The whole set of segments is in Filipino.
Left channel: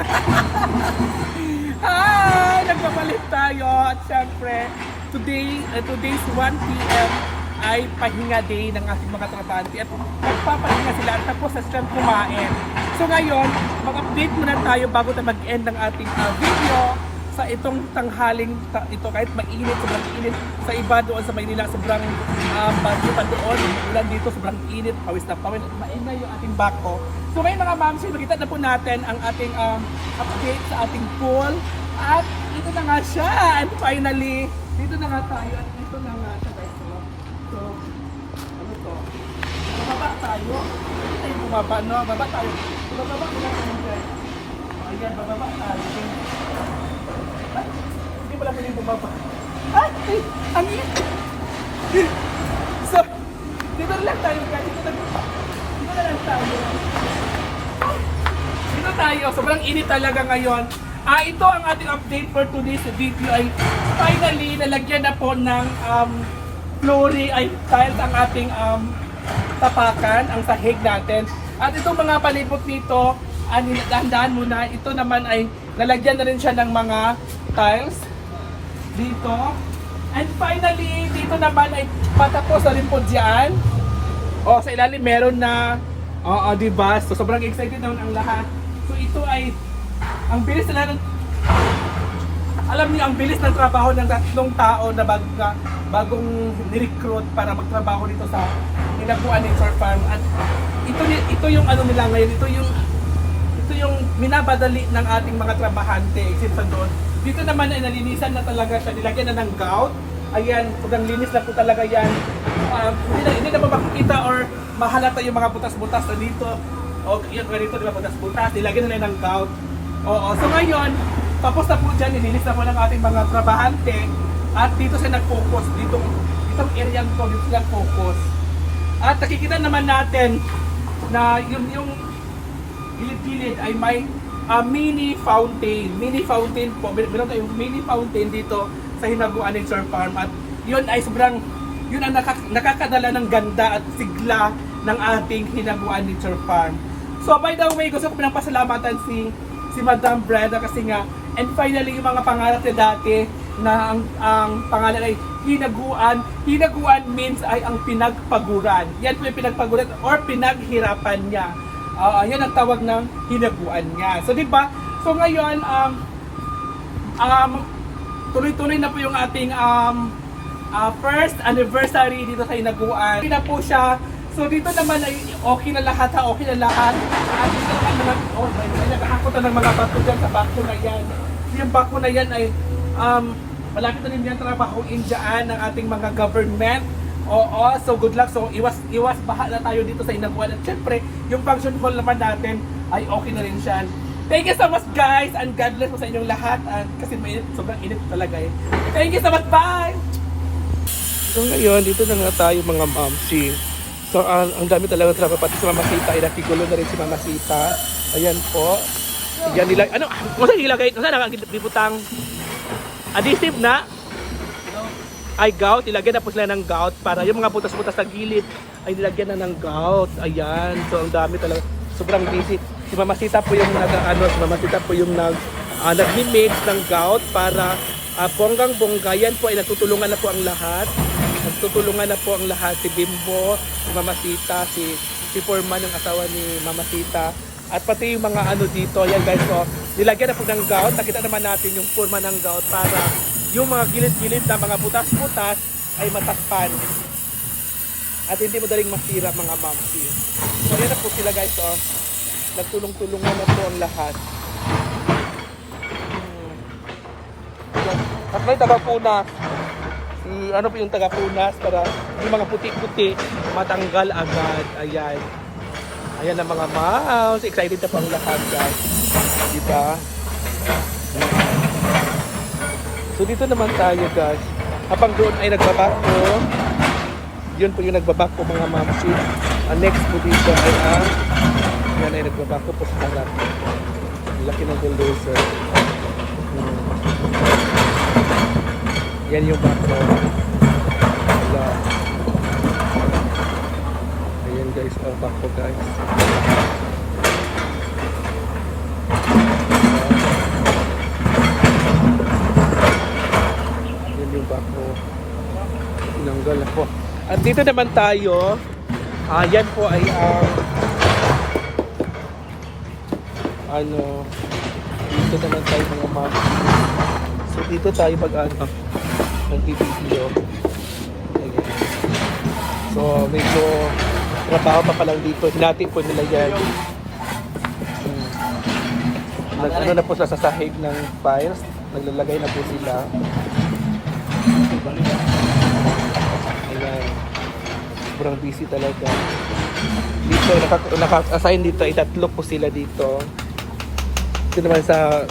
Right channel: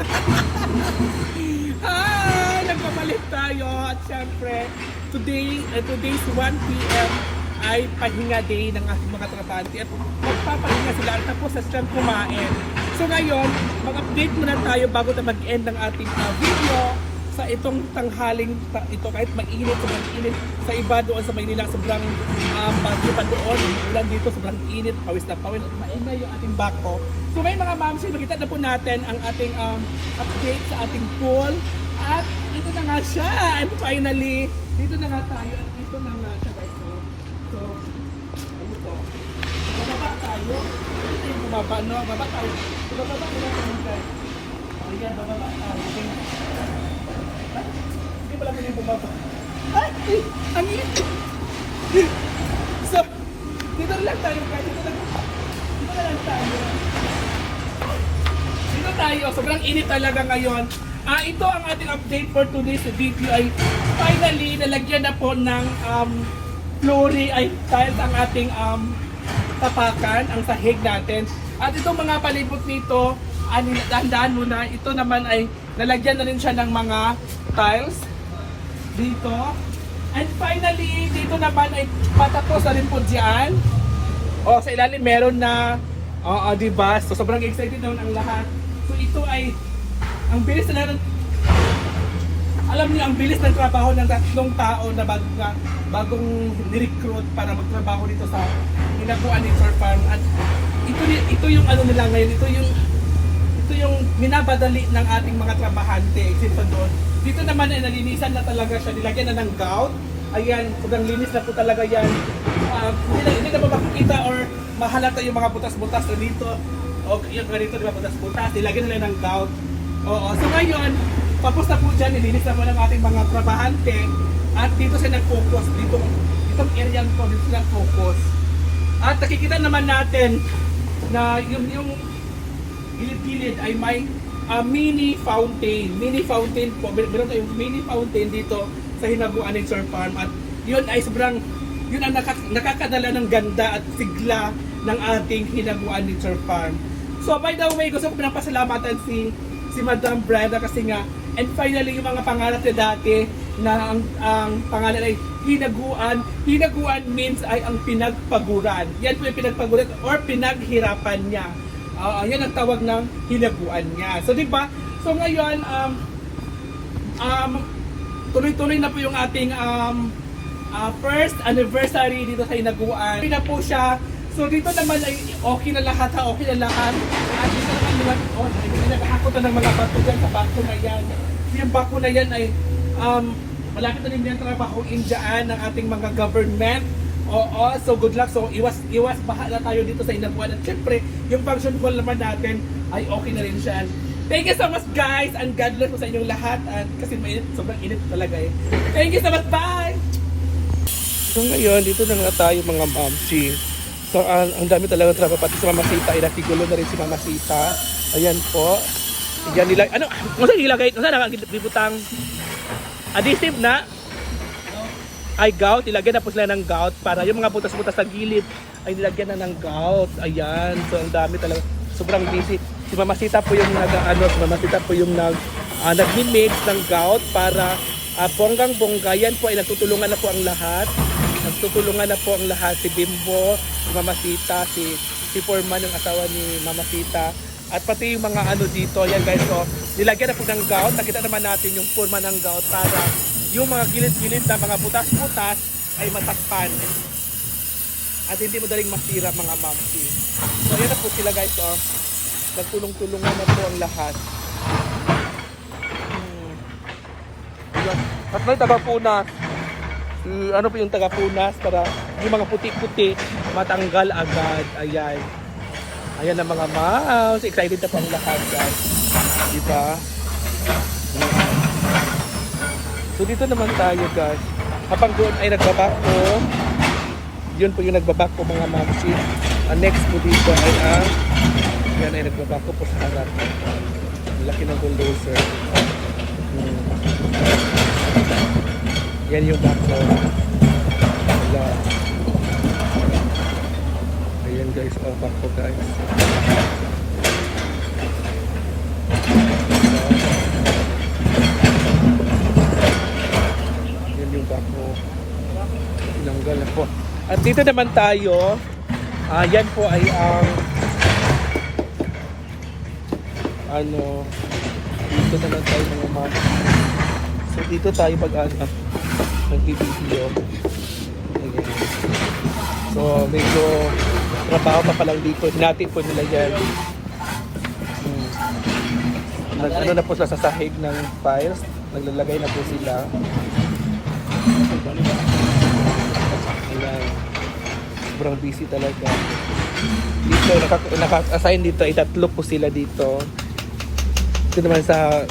ah, nagpapalit tayo at syempre today, uh, today's 1 p.m. ay pahinga day ng ating mga trabante at magpapahinga sila at tapos sa siyang kumain. So ngayon, mag-update muna tayo bago tayo mag-end ng ating uh, video sa itong tanghaling ta- ito kahit mainit, sobrang init sa iba doon sa Maynila, sobrang um, bagyo pa doon, ulan dito, sobrang init, pawis na pawis, maingay yung ating bako. So ngayon mga mamsi, makita na po natin ang ating um, update sa ating pool at ito na nga siya and finally, dito na nga tayo at ito na nga siya guys. So, so ano to? Bababa tayo. Hindi tayo bumaba, no? Baba tayo. Bababa muna tayo guys. Ayan, bababa tayo. Ay, hindi pala pwedeng bumaba. Ay, ay, ang init. So, dito na lang tayo. Dito na, dito na lang tayo. Dito tayo. Sobrang init talaga ngayon. Ah, ito ang ating update for today's video ay finally nalagyan na po ng um, flooring ay tiles ang ating um, tapakan, ang sahig natin. At itong mga palibot nito, ah, nilahandaan muna, ito naman ay nalagyan na rin siya ng mga tiles dito. And finally, dito naman ay patapos na rin po dyan. O, sa ilalim meron na, oo, di ba? So, sobrang excited naman ang lahat. So, ito ay, ang bilis na lang, alam niyo, ang bilis ng trabaho ng tatlong tao na bag, na bagong ni-recruit para magtrabaho dito sa Hinaguan Nature Farm. At ito, ito yung ano nila ngayon, ito yung ito yung minabadali ng ating mga trabahante except sa doon. Dito naman ay nalinisan na talaga siya, nilagyan na ng gout. Ayan, sobrang linis na po talaga yan. Um, hindi, na, hindi na ba makikita or mahalata yung mga butas-butas na dito. O yun, ganito na butas-butas, nilagyan na lang ng gout. Oo, so ngayon, tapos na po dyan, nilinis na po ng ating mga trabahante at dito siya nag-focus, dito, itong area po, dito sila focus. At nakikita naman natin na yung, yung gilid-gilid ay may ah, mini fountain. Mini fountain po. Mer- Meron tayong mini fountain dito sa Hinaguan Nature Farm at yun ay sobrang yun ang nakak- nakakadala ng ganda at sigla ng ating Hinaguan Nature Farm. So by the way, gusto ko pinapasalamatan si si Madam Brenda kasi nga and finally yung mga pangarap niya dati na ang, ang pangalan ay hinaguan. Hinaguan means ay ang pinagpaguran. Yan po yung pinagpaguran or pinaghirapan niya. Ah, yan ang tawag ng hinaguan niya. So, di ba? So, ngayon, um, um, tuloy-tuloy na po yung ating um, ah, first anniversary dito sa hinaguan. Okay na po siya. So, dito naman ay okay na lahat ha, okay na lahat. At dito naman naman, oh, nakakakuta ng mga bato dyan sa bako na yan. Yung bako na yan ay, um, malapit na rin yan trabahoin dyan ng ating mga government. Oo, so good luck. So iwas iwas baha na tayo dito sa Inaguan. At syempre, yung function hall naman natin ay okay na rin siya. Thank you so much guys and God bless po sa inyong lahat. At kasi mainit, sobrang init talaga eh. Thank you so much. Bye! So ngayon, dito na nga tayo mga mamsi. So ang, ang dami talaga trabaho pati si Mama Sita ay nakigulo na rin si Mama Sita. Ayan po. Ayan nila. Ano? Kung saan ilagay? Kung saan nakakibutang? Adhesive na? Ay gout, ilagyan na po sila ng gout para yung mga butas-butas sa gilid ay nilagyan na ng gout. Ayan, so ang dami talaga. Sobrang busy. Si Mama Sita po yung nag ano, si Mama Sita po yung nag uh, nagmi-mix ng gout para uh, bonggang bongga. Yan po ay nagtutulungan na po ang lahat. Nagtutulungan na po ang lahat si Bimbo, si Mama Sita, si si Foreman yung asawa ni Mama Sita. At pati yung mga ano dito, yan guys, so nilagyan na po ng gout. Nakita naman natin yung forma ng gout para yung mga gilid-gilid na mga butas-butas ay matakpan. At hindi madaling masira mga mamsi. So ayan na po sila guys. Oh. Nagtulong-tulungan na po ang lahat. Hmm. At may tagapunas. Si, ano po yung tagapunas para yung mga puti-puti matanggal agad. Ayan. Ayan ang mga mouse. Excited na po ang lahat guys. Diba? Hmm. So dito naman tayo guys. Habang doon ay nagbabako. Yun po yung nagbabako mga mamsi. Ang next po dito ay ang yan ay nagbabako po sa harap. Laki ng bulldozer. Hmm. Yan yung bako. Wala. Ayan guys, ang bako guys. At dito naman tayo, ah yan po ay ang ano, dito naman tayo mga ma'am. So dito tayo pag ano, nag-video. Ayan. So medyo trabaho pa pa lang dito. Hinati po nila yan. Hmm. Nag, ano na po sila sa sahig ng files. Naglalagay na po sila. Ayan. Sobrang busy talaga. Dito, naka- naka-assign dito, ay tatlo po sila dito. Ito naman sa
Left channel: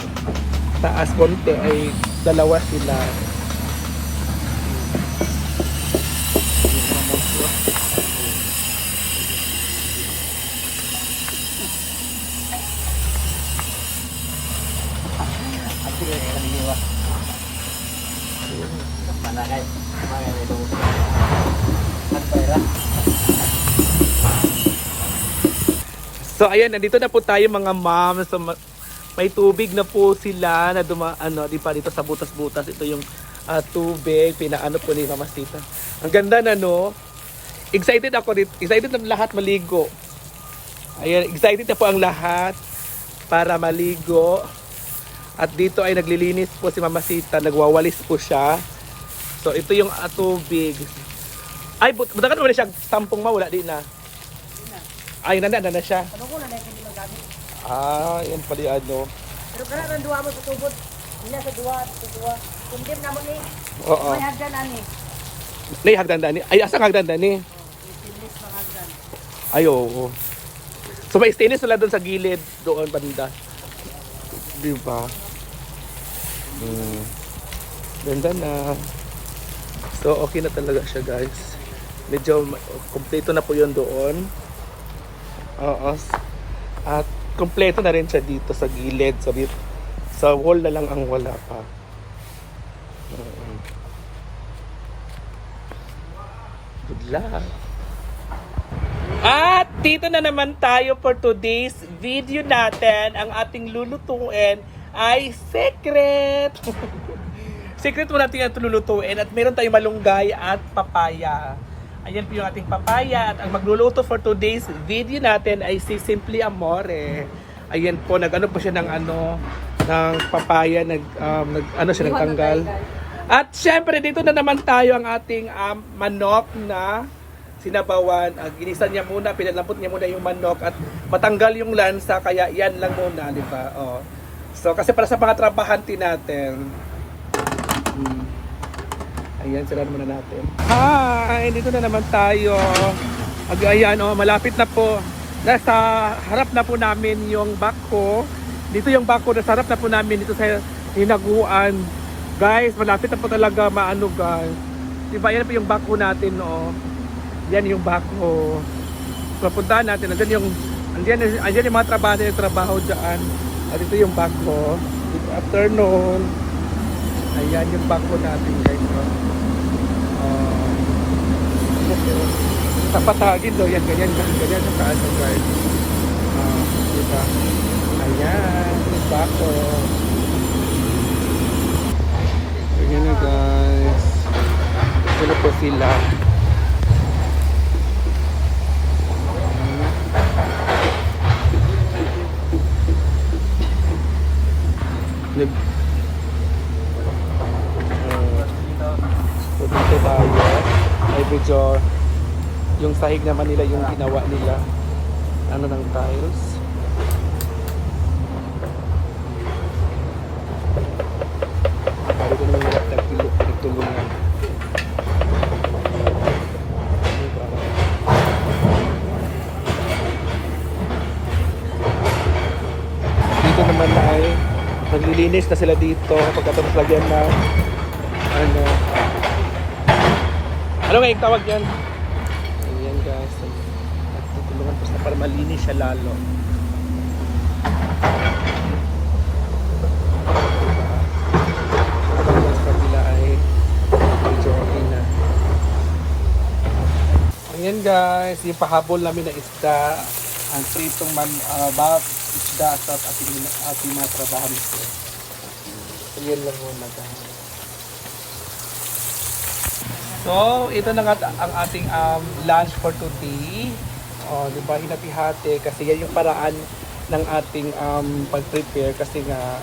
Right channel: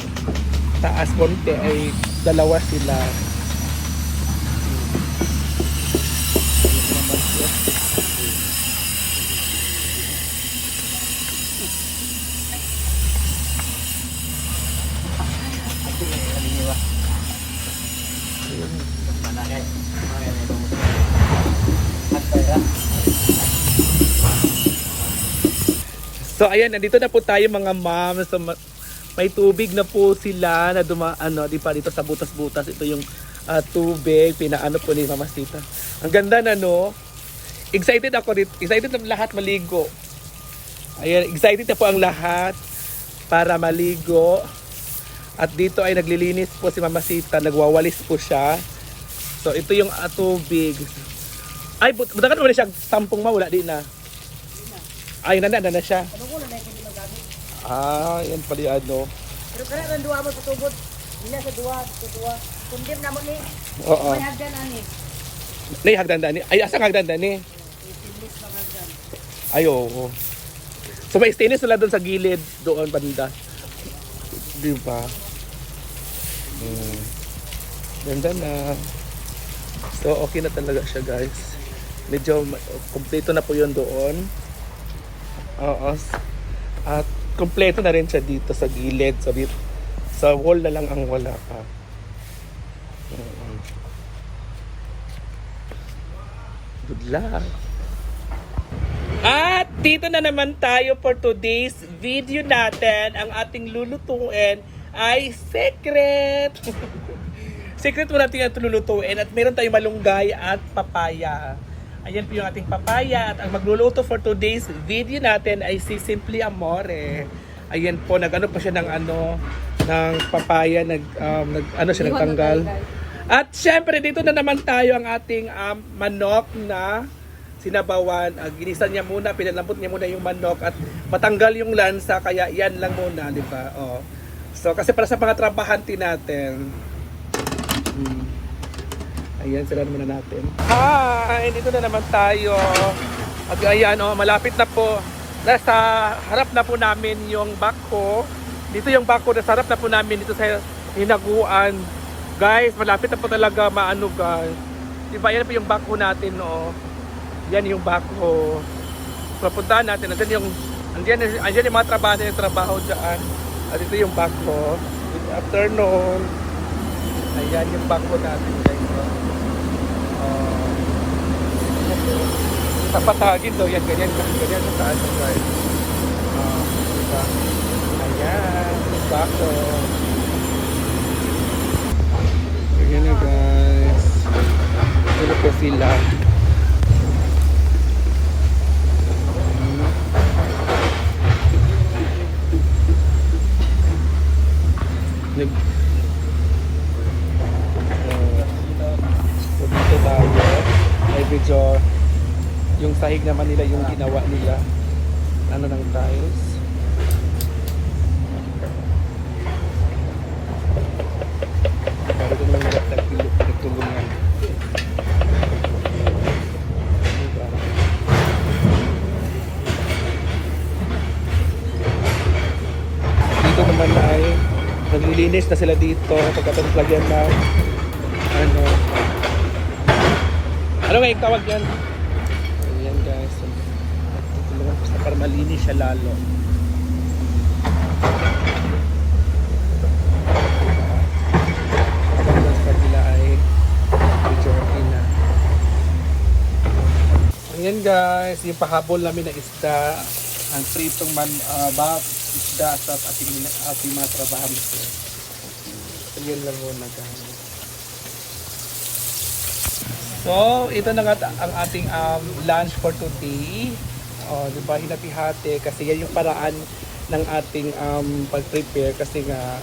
taas konti ay dalawa sila. So ayan, nandito na po tayo mga ma'am. So, ma- may tubig na po sila na duma ano, di pa dito sa butas-butas. Ito yung ah, tubig, pinaano po ni Mama Tita. Ang ganda na no. Excited ako dito. Excited na lahat maligo. Ayan, excited na po ang lahat para maligo. At dito ay naglilinis po si Mama Sita, nagwawalis po siya. So ito yung ah, tubig. Ay, but buta ka naman siya tampong mawala di na. Ay, nanda na siya. Ano ko na may kundi magamit. Ah, yan pala yung ano. Pero kaya ang duwa mo sa tubod. Hindi sa duwa, sa duwa. Kundim na mo ni. Oo. May hagdan ani. Nay, hagdan dani. Ay, asang hagdan dani? Ipilis ng hagdan. Ay, oo. So, may stainless sila doon sa gilid, doon banda. Di ba? Hmm. Ganda na. So, okay na talaga siya, guys. Medyo kompleto na po yun doon. Oo. At kompleto na rin siya dito sa gilid. Sa, bit- sa wall na lang ang wala pa. Oo. Good luck. At dito na naman tayo for today's video natin. Ang ating lulutuin ay secret. secret mo natin ang lulutuin at meron tayong malunggay at papaya. Ayan po yung ating papaya at ang magluluto for today's video natin ay si Simply Amore. Ayan po, nag-ano pa siya ng ano, ng papaya, nag, um, nag ano siya, nagtanggal. At syempre, dito na naman tayo ang ating um, manok na sinabawan. Uh, ginisan niya muna, pinalambot niya muna yung manok at matanggal yung lansa, kaya yan lang muna, di ba? Oh. So, kasi para sa mga trabahante natin. Ayan, sila muna natin. Ay, dito na naman tayo. Ayan, oh, malapit na po. Nasa harap na po namin yung bako. Dito yung bako, nasa harap na po namin dito sa hinaguan. Guys, malapit na po talaga maano guys. Diba, yan po yung bako natin, oh. Yan yung bako. So, puntahan natin. Andyan yung, andyan, andyan yung mga trabaho yung trabaho dyan. At ito yung bako. Dito, afternoon. Ayan yung bako natin. Guys. Dapat uh, dito, yan, ganyan, ganyan, ganyan, sa? Ayan, yung bako. Ayan na, guys. Ano po sila? Nag... Uh, so dito tayo ay medyo yung sahig naman nila yung ginawa nila ano ng tiles pare ko naman nila nagtulungan diba? dito naman ay naglilinis na sila dito pagkatapos lagyan ng ano. Ano nga yung tawag yan para malinis siya lalo. Okay ayan guys yung pahabol namin na isda. Ang pritong man uh, ba isda sa ating, ating mga trabahan ayan lang muna guys. So, ito na ang ating um, lunch for today. Oh, 'di ba? Hinati-hati kasi yan yung paraan ng ating um, pag-prepare kasi nga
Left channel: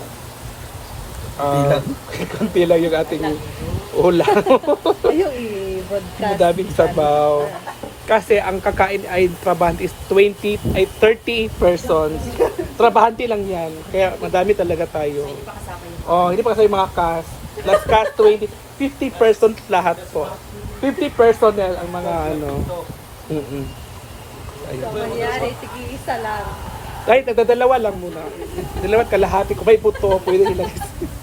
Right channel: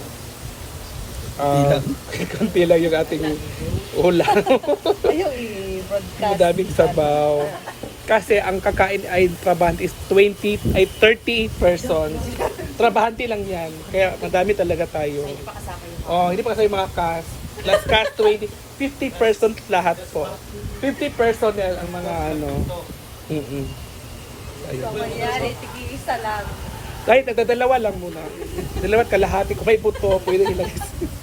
uh, konti lang yung ating ulam. Madaming sabaw. Kasi ang kakain ay trabahante is 20 ay 30 persons. Trabahante lang 'yan. Kaya madami talaga tayo. Oh, hindi pa kasi mga cast. Last cast 20, 50 persons lahat po. 50 personnel ang mga ano. Mm Ayun. Mayari, tigi isa lang. Kahit nagdadalawa lang muna. Dalawa at kalahati. Kung may buto, pwede ilagay.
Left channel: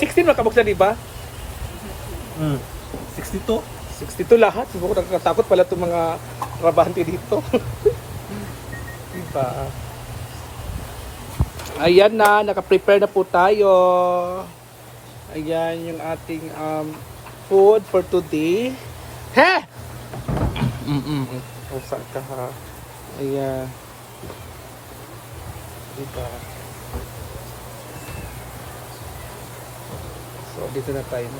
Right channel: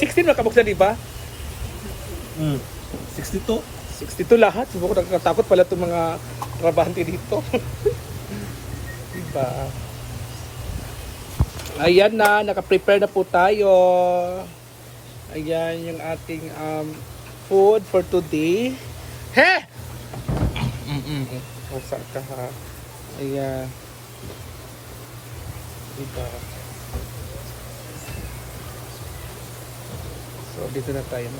16 makabuksan, di ba? Mm. 62. 62 lahat. Subuko nakakatakot pala itong mga trabahante dito. diba? Ayan na, naka-prepare na po tayo. Ayan yung ating um, food for today. Ha? Mm-mm. Usa ka ha. Ayan. Diba? So, dito na tayo.